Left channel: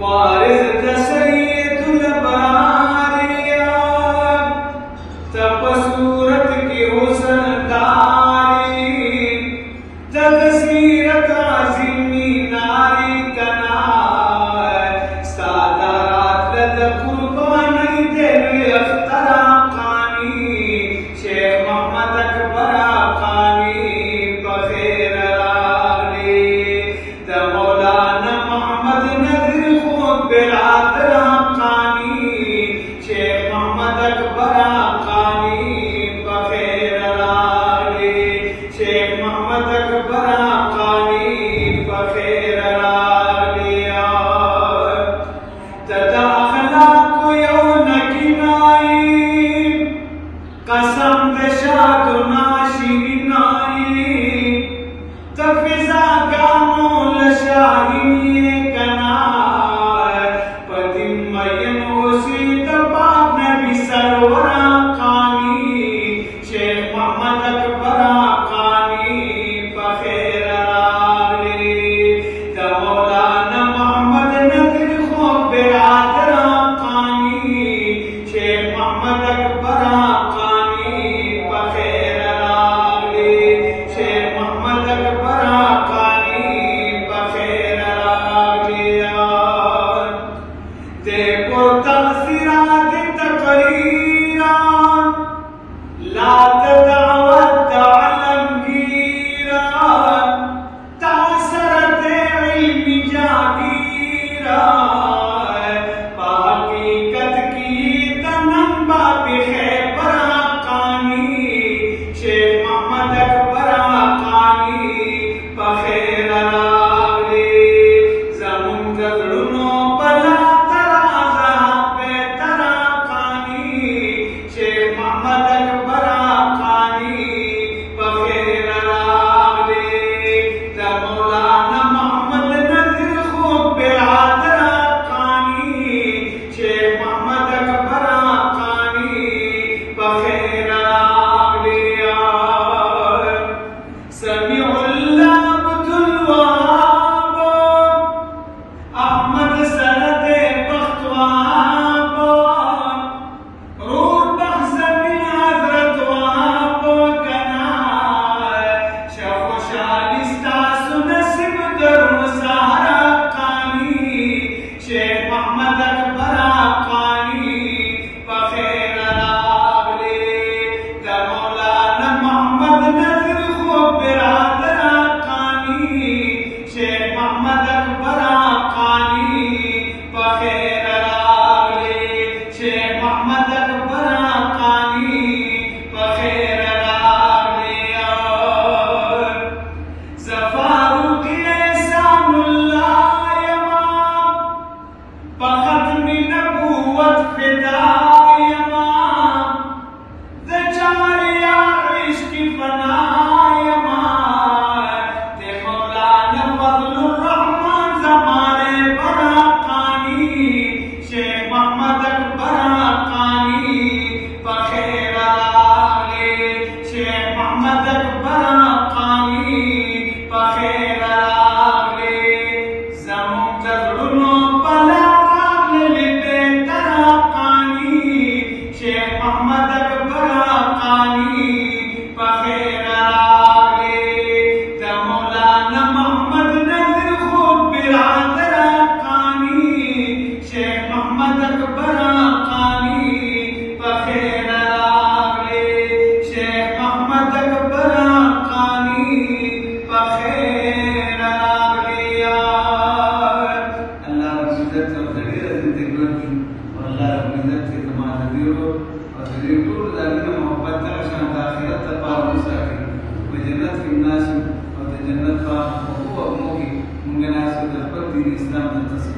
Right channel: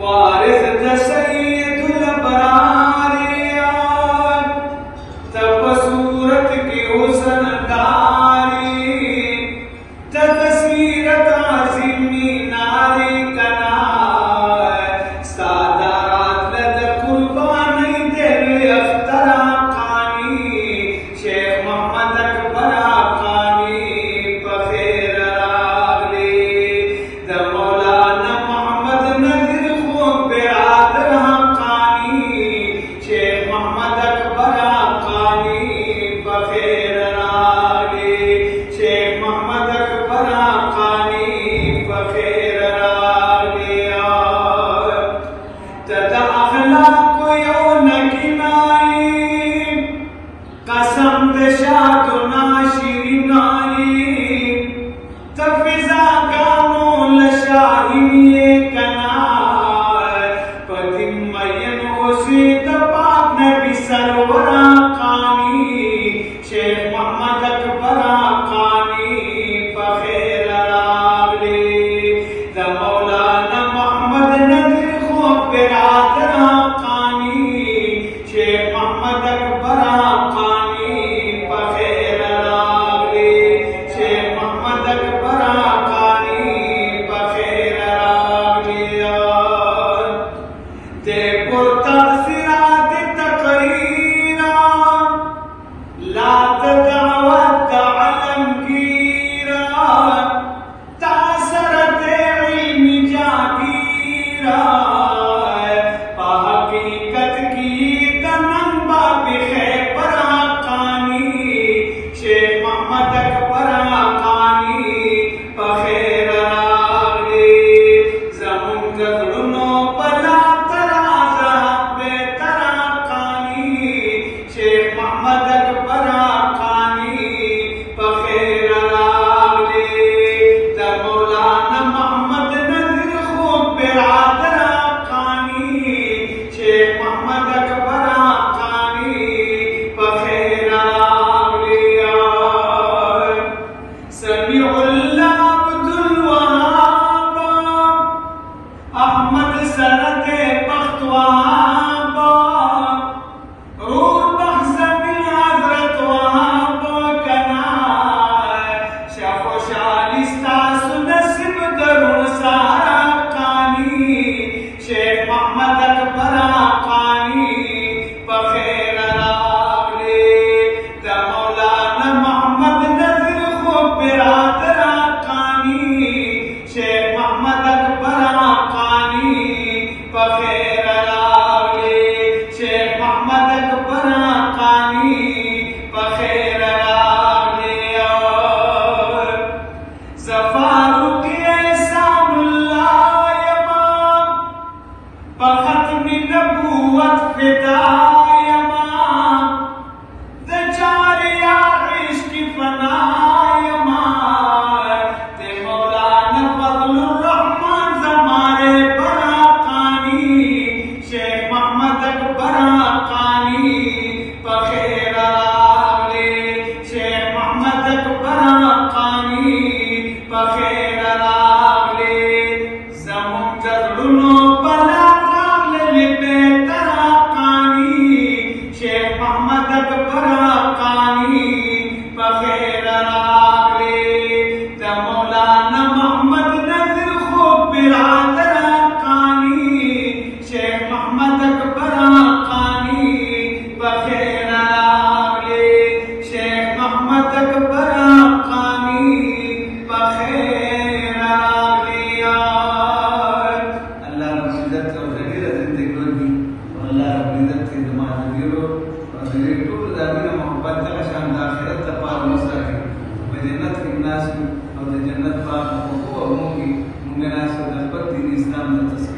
वारिस तसैयदुल बरारिया तब सूरत के हुस्न दारी तदसीरत आज़िमी नारी कना सादात लद कुर्बानी दिल अख्तरा खानी शेख मोहम्मद अकबर खानी बखेर रागली द मौलाना मोहम्मद नज़ीर खूब बिरादर खानी शेख मोहम्मद अकबर खानी बखेर रागली शेख मोहम्मद अकबर खानी बखेर रागली तदा अखलाक यौन किनाई कसम दशात नाशिनाई तफिजा गानो लशाही कना पतिम मयन ओसी तपाक नबी सरवरा खानी शेख मोहम्मद अकबर खानी बखेर रागली द मौलाना मोहम्मद नज़ीर खूब बिरादर खानी शेख मोहम्मद अकबर खानी बखेर रागली शेख मोहम्मद अकबर खानी बखेर रागली दे पुरतसिरात तकरीरा लात दावत आलमगीरा तासरत इल्मी जागीरा हकीकत की तनम्बा खैबर खानी शेख मोहम्मद अकबर खानी बखेर रागली ज़मुन गज़लुनो पला तराज़ा बेतरा खानी शेख मोहम्मद अकबर खानी बखेर रागली द मौलाना मोहम्मद नज़ीर खूब बिरादर खानी शेख मोहम्मद अकबर खानी बखेर रागली समीउल्लाह अब्दुल वहाब अहमद सनद बख्तवाब रूह बख्शबिन हज़रत वहाब कना शफ़ो शालिस्ता सुनसिब दरो सहारा खानी शेख मोहम्मद अकबर खानी बखेर रागली द मौलाना मोहम्मद नज़ीर खूब बिरादर खानी शेख मोहम्मद अकबर खानी बखेर रागली शेख मोहम्मद अकबर खानी बखेर रागली ज़फ़ारुक एहसानुल्लाह यमाम बख़त्मी नबूवत फिदा यमाम द चारिया इश्क फना यमाम दे मौलाना फज़लुर रहमान ज़माने बरा खानी शेख मोहम्मद अकबर खानी बखेर रागली शेख मोहम्मद अकबर खानी बखेर रागली ज़मुन गज़लुनो पला रागली बेतरा खानी शेख मोहम्मद अकबर खानी बखेर रागली द मौलाना मोहम्मद नज़ीर खूब बिरादर खानी शेख मोहम्मद अकबर खानी बखेर रागली शेख मोहम्मद अकबर खानी बखेर रागली अल्लाह रब्बुल इज्जत और जड़े जिंदगी की और अल्लाह रब्बुल इज्जत के दमाद दियो और जड़े टूर ज़मीन मोहब्बत का शान आखिरत तपाल मुसाके व जन्नत के नास और जन्नत का हुकूक और मुंगी मुंगनास और दफत दीन इस्लाम तस्वीर